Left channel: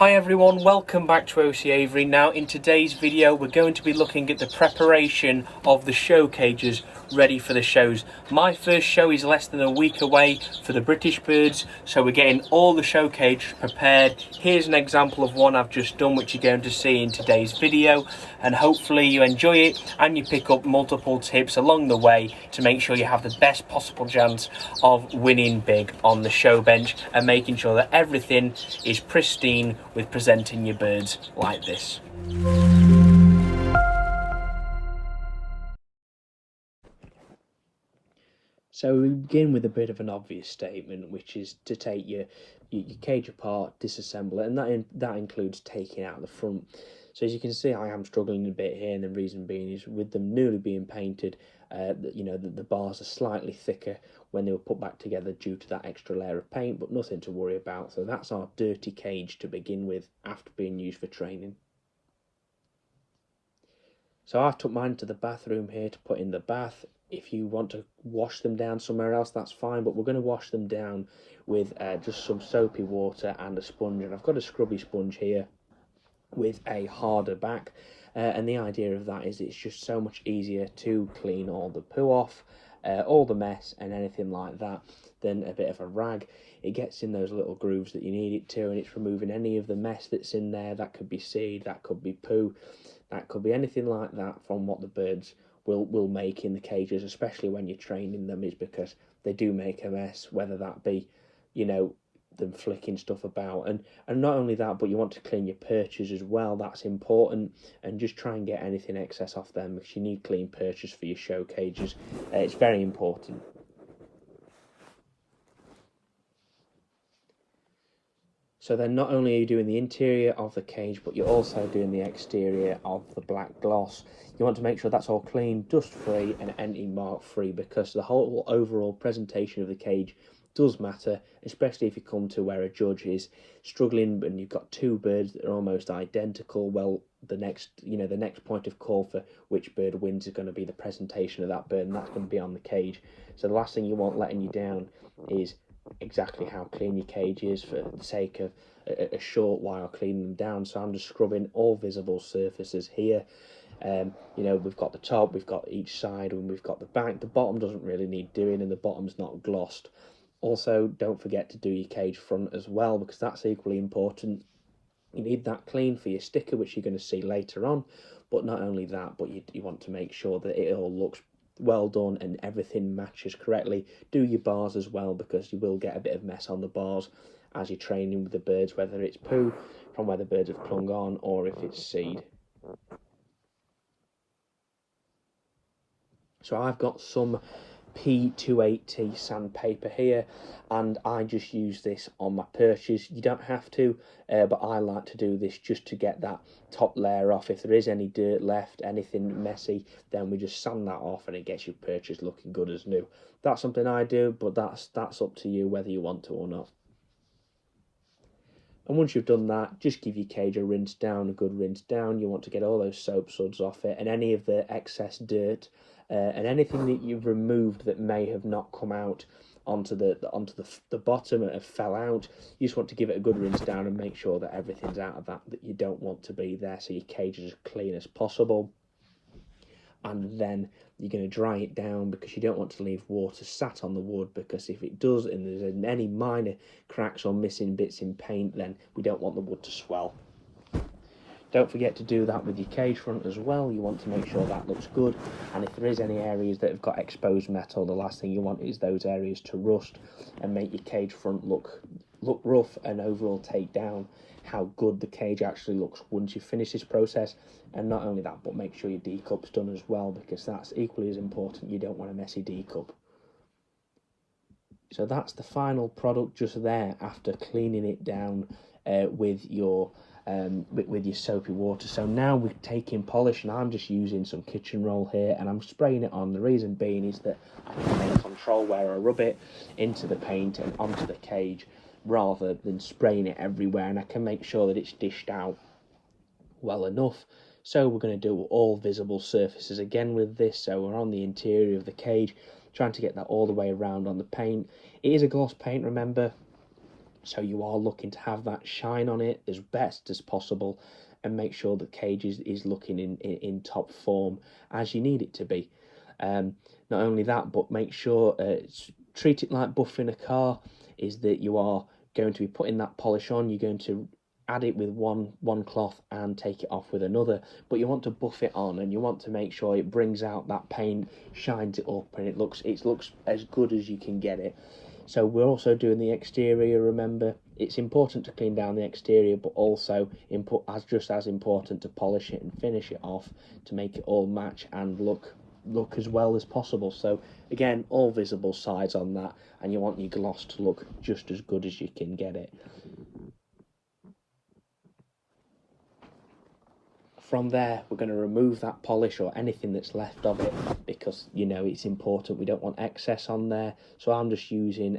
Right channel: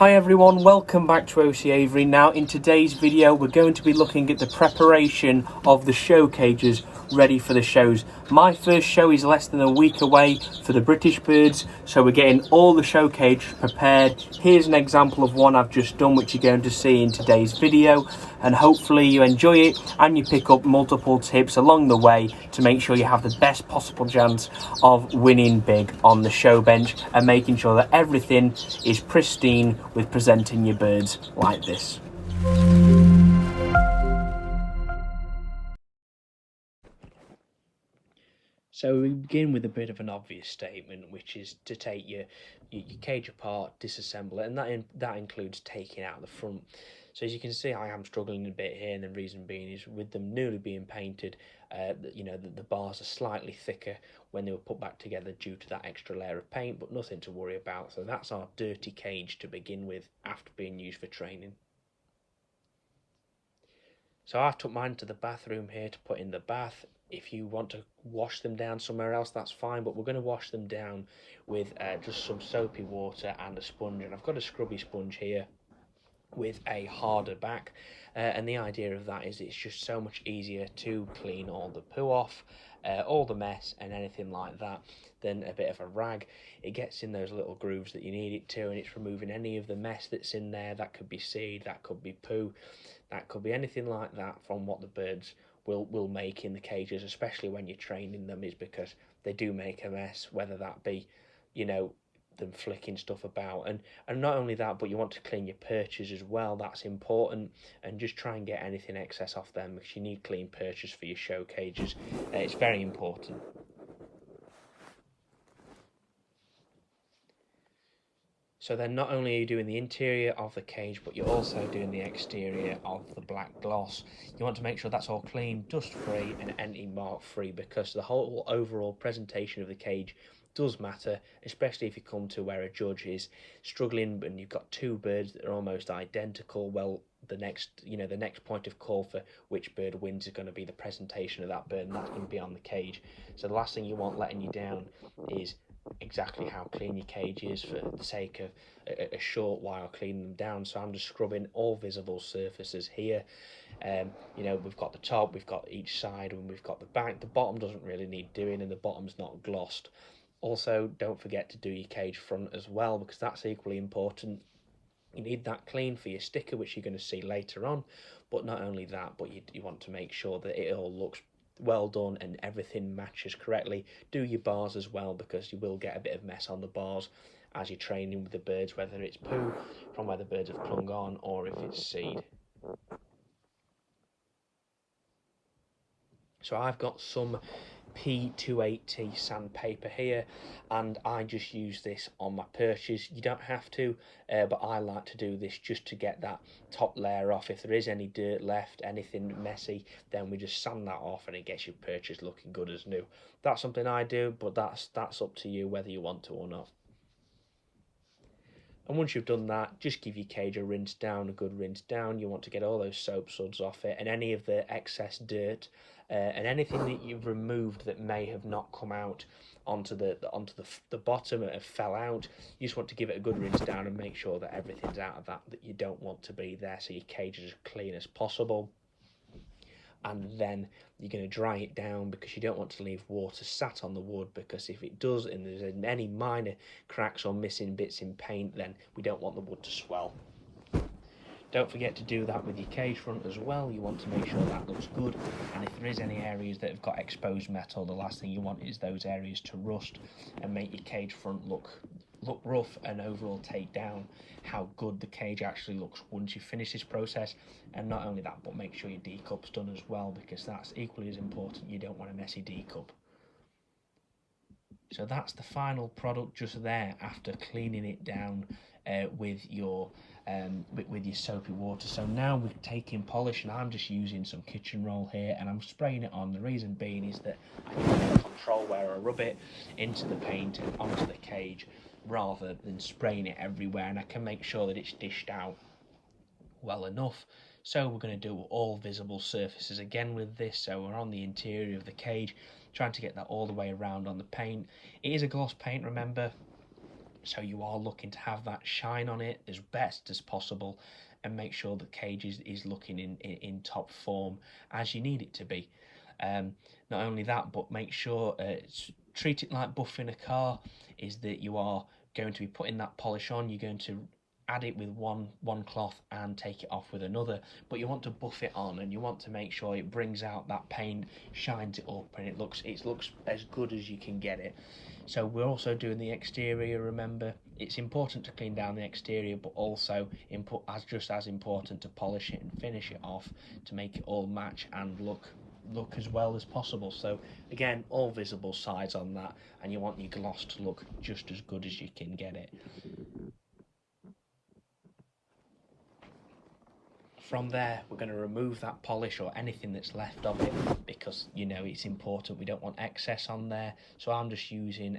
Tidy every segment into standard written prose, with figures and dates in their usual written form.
Hi everyone, welcome back to OC Aviary. Now in today's video we're going to be looking at the preparation of the show cages ready for the shows. My first show is less than a week away for the British birds, so we're getting all the show cages prepared. Here's an example of one I've just done, which you're going to see in today's video, and hopefully you enjoy it and you pick up multiple tips along the way to make sure you have the best possible chance of winning big on the show bench and making sure that everything is pristine with presenting your birds like this. So we begin with a bit of an obvious statement, which is to take your cage apart, disassemble it, and that includes taking out the front. So as you can see, I am struggling a bit here, and the reason being is with them newly being painted, the bars are slightly thicker when they were put back together due to that extra layer of paint, but nothing to worry about. So that's our dirty cage to begin with after being used for training. So I've took mine to the bathroom here to put in the bath. If you want to wash them down somewhere else, that's fine, but we're going to wash them down with just some soapy water and a sponge. And I've got a scrubby sponge here with a harder back, and the idea of that is it's just so much easier to clean all the poo off, all the mess and anything like that, than a bit of a rag. It gets in those little grooves that you need it to, and it's removing any of the mess that's in there. That could be seed, that could be poo, that could be anything like that from what the birds will make in the cages, especially when you're training them, is because they do make a mess, whether that be, them flicking stuff about, and not only that, but you want to clean your perches as well. That's important, and just try and get anything excess off them, because you need clean perches for your show cages. It's very important. So then not only are you doing the interior of the cage, but you're also doing the exterior of the black gloss. You want to make sure that's all clean, dust free and anything mark free, because the whole overall presentation of the cage does matter, especially if you come to where a judge is struggling and you've got two birds that are almost identical. Well, the next point of call for which bird wins is going to be the presentation of that bird, and that's going to be on the cage. So the last thing you want letting you down is exactly how clean your cage is, for the sake of a short while cleaning them down. So I'm just scrubbing all visible surfaces here. We've got the top, we've got each side, and we've got the back. The bottom doesn't really need doing, and the bottom's not glossed. Also, don't forget to do your cage front as well, because that's equally important. You need that clean for your sticker, which you're going to see later on. But not only that, but you want to make sure that it all looks well done and everything matches correctly. Do your bars as well, because you will get a bit of mess on the bars as you're training with the birds, whether it's poo from where the birds have clung on or if it's seed. So I've got some P280 sandpaper here, and I just use this on my perches. You don't have to, but I like to do this just to get that top layer off. If there is any dirt left, anything messy, then we just sand that off and it gets your perches looking good as new. That's something I do, but that's up to you whether you want to or not. And once you've done that, just give your cage a rinse down, a good rinse down. You want to get all those soap suds off it and any of the excess dirt and anything that you've removed that may have not come out onto the bottom and have fell out. You just want to give it a good rinse down and make sure that everything's out of that you don't want to be there, so your cage is as clean as possible. And then you're going to dry it down, because you don't want to leave water sat on the wood, because if it does and there's any minor cracks or missing bits in paint, then we don't want the wood to swell. Don't forget to do that with your cage front as well. You want to make sure that looks good, and if there is any areas that have got exposed metal, the last thing you want is those areas to rust and make your cage front look rough, and overall take down how good the cage actually looks once you finish this process. And not only that, but make sure your decup's done as well, because that's equally as important. You don't want a messy decup. So that's the final product just there after cleaning it down with your soapy water. So now we're taking polish, and I'm just using some kitchen roll here and I'm spraying it on. The reason being is that I can control where I rub it into the paint and onto the cage, rather than spraying it everywhere, and I can make sure that it's dished out well enough. So we're going to do all visible surfaces again with this. So we're on the interior of the cage, trying to get that all the way around on the paint. It is a gloss paint, remember, So you are looking to have that shine on it as best as possible, and make sure the cage is looking in top form as you need it to be. Not only that, but make sure treat it like buffing a car, is that you are going to be putting that polish on. You're going to add it with one cloth and take it off with another, but you want to buff it on, and you want to make sure it brings out that paint, shines it up, and it looks as good as you can get it. So we're also doing the exterior. Remember, it's important to clean down the exterior, but also just as important to polish it and finish it off to make it all match and look as well as possible. So again, all visible sides on that, and you want your gloss to look just as good as you can get it. From there, we're going to remove that polish or anything that's left of it, because you know it's important. We don't want excess on there. So I'm just using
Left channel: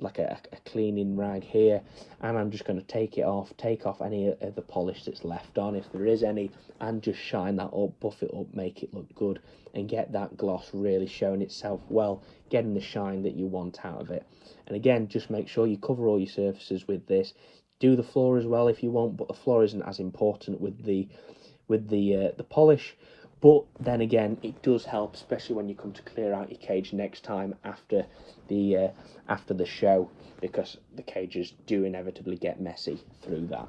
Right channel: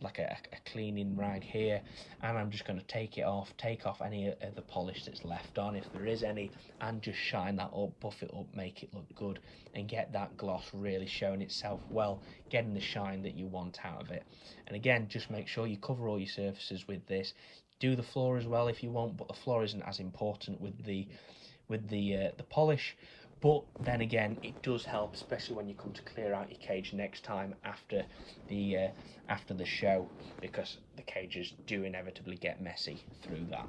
like a cleaning rag here, and I'm just going to take off any of the polish that's left on, if there is any, and just shine that up, buff it up, make it look good, and get that gloss really showing itself well, getting the shine that you want out of it. And again, just make sure you cover all your surfaces with this. Do the floor as well if you want, but the floor isn't as important with the polish. But then again, it does help, especially when you come to clear out your cage next time after the show, because the cages do inevitably get messy through that.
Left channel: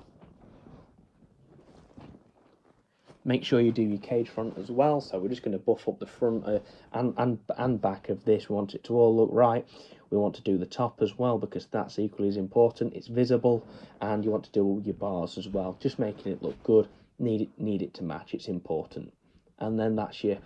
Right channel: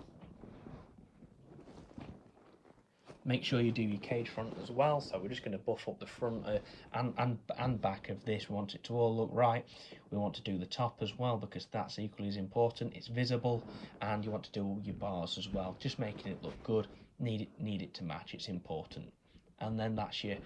Make sure you do your cage front as well. So we're just going to buff up the front and back of this. We want it to all look right. We want to do the top as well, because that's equally as important. It's visible, and you want to do all your bars as well, just making it look good. Need it to match. It's important. And then that's your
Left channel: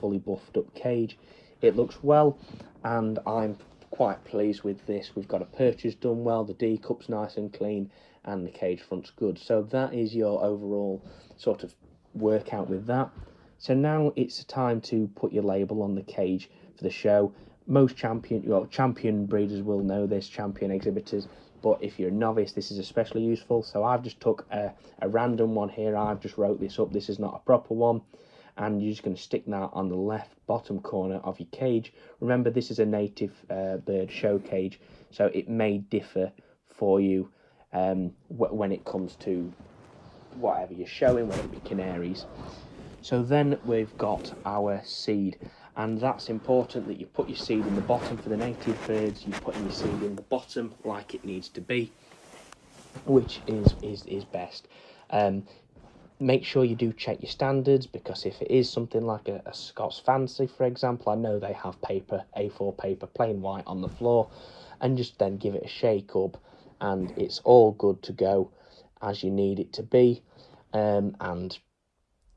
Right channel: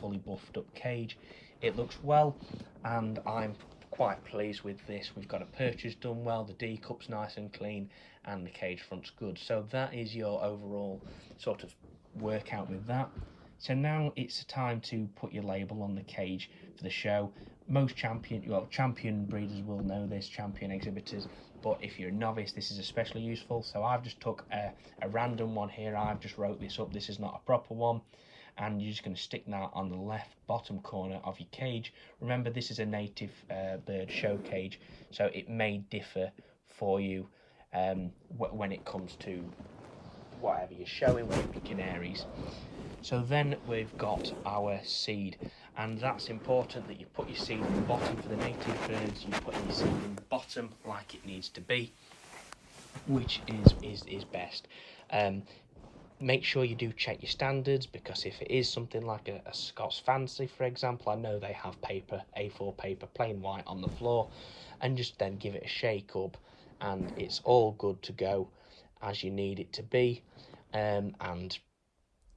fully buffed up cage. It looks well, and I'm quite pleased with this. We've got a purchase done well, the D cup's nice and clean, and the cage front's good. So that is your overall sort of workout with that. So now it's time to put your label on the cage for the show. Most champion breeders will know this, champion exhibitors, but if you're a novice, this is especially useful. So I've just took a random one here. I've just wrote this up. This is not a proper one, and you're just going to stick that on the left bottom corner of your cage. Remember, this is a native bird show cage, so it may differ for you when it comes to whatever you're showing, whether it be canaries. So then we've got our seed, and that's important that you put your seed in the bottom. For the native birds, you put your seed in the bottom like it needs to be, which is best. Make sure you do check your standards, because if it is something like a Scots Fancy, for example, I know they have paper, A4 paper, plain white on the floor, and just then give it a shake up, and it's all good to go as you need it to be. And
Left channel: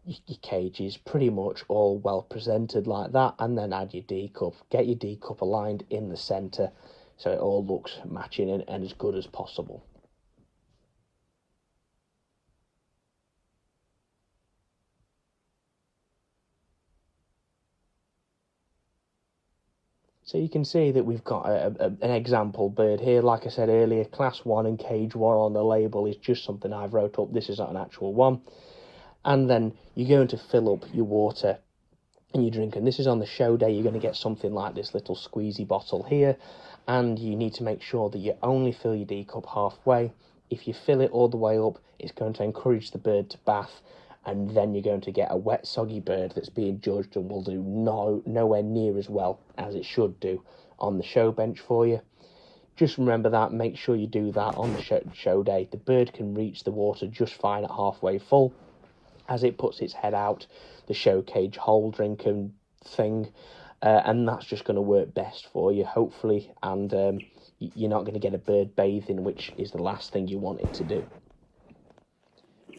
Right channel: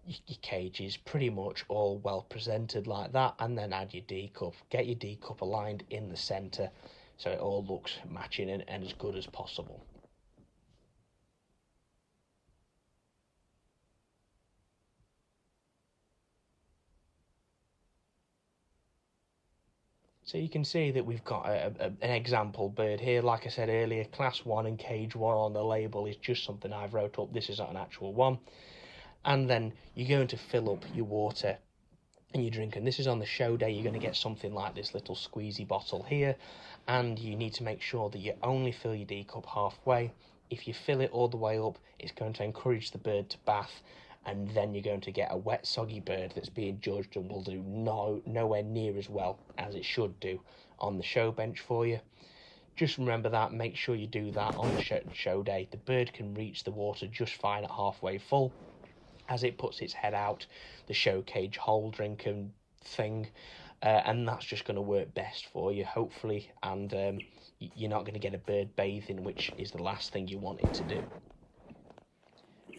your cage is pretty much all well presented like that, and then add your D cup. Get your D cup aligned in the centre so it all looks matching and as good as possible. So you can see that we've got an example bird here. Like I said earlier, class 1 and cage 1 on the label is just something I've wrote up. This is not an actual one. And then you're going to fill up your water and your drink, and this is on the show day. You're going to get something like this little squeezy bottle here, and you need to make sure that you only fill your D cup halfway. If you fill it all the way up, it's going to encourage the bird to bath, and then you're going to get a wet, soggy bird that's being judged and will do nowhere near as well as it should do on the show bench for you. Just remember that. Make sure you do that on the show day. The bird can reach the water just fine at halfway full. As it puts its head out, the show cage hole drinking thing, and that's just going to work best for you, hopefully, and you're not going to get a bird bathing, which is the last thing you want it to do.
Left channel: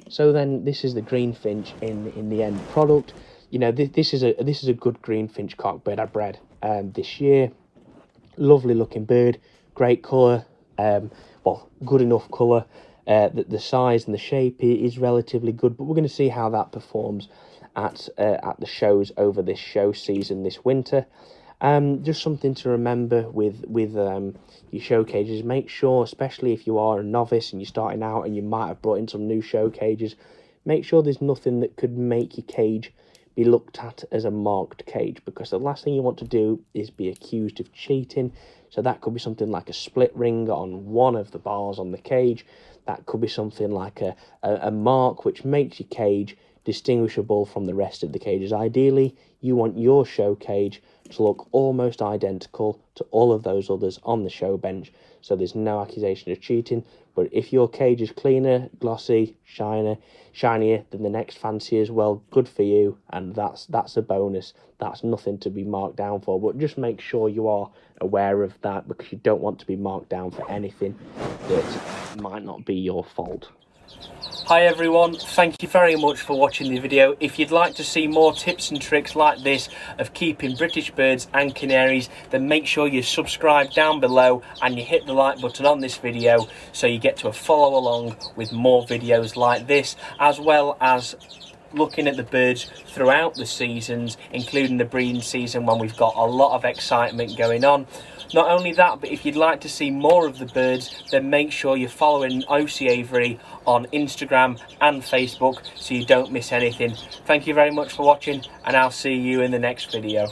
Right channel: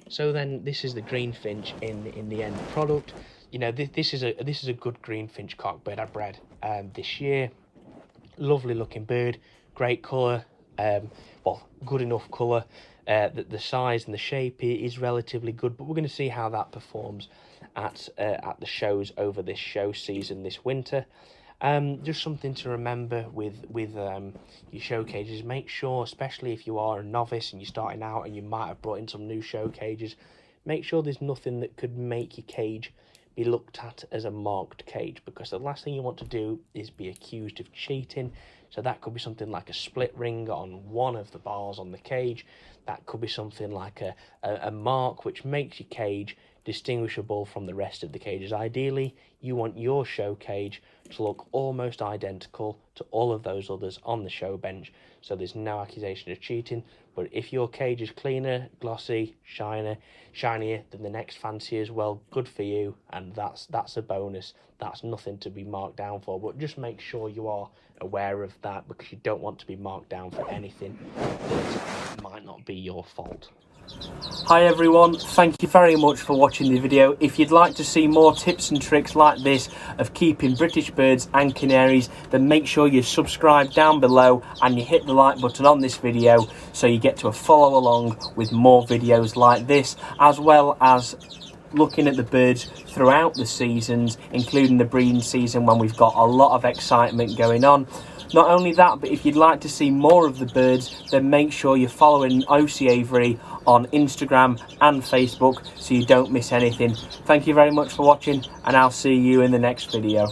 So then this is the greenfinch in the end product. You know, this is a good greenfinch cockbird I bred this year. Lovely looking bird, great colour, well, good enough colour. The size and the shape is relatively good, but we're going to see how that performs at the shows over this show season this winter. Just something to remember with your show cages. Make sure, especially if you are a novice and you're starting out and you might have brought in some new show cages, make sure there's nothing that could make your cage be looked at as a marked cage, because the last thing you want to do is be accused of cheating. So that could be something like a split ring on one of the bars on the cage. That could be something like a mark which makes your cage distinguishable from the rest of the cages. Ideally, you want your show cage to look almost identical to all of those others on the show bench, so there's no accusation of cheating. But if your cage is cleaner, glossy, shinier than the next fanciers, well, good for you, and that's a bonus. That's nothing to be marked down for, but just make sure you are aware of that, because you don't want to be marked down for anything that might not be your fault. Hi everyone, thank you very much for watching the video. If you'd like to see more tips and tricks like this of keeping British birds and canaries, then make sure you subscribe down below and you hit the like button on this video so you get to follow along with more videos like this, as well as looking at the birds throughout the seasons, including the breeding season when we've got a lot of excitement going on. Not only that, but if you'd like to see more of the birds, then make sure you're following OC Aviary on Instagram and Facebook so you don't miss anything. Thank you very much for watching, and I'll see you in the next video.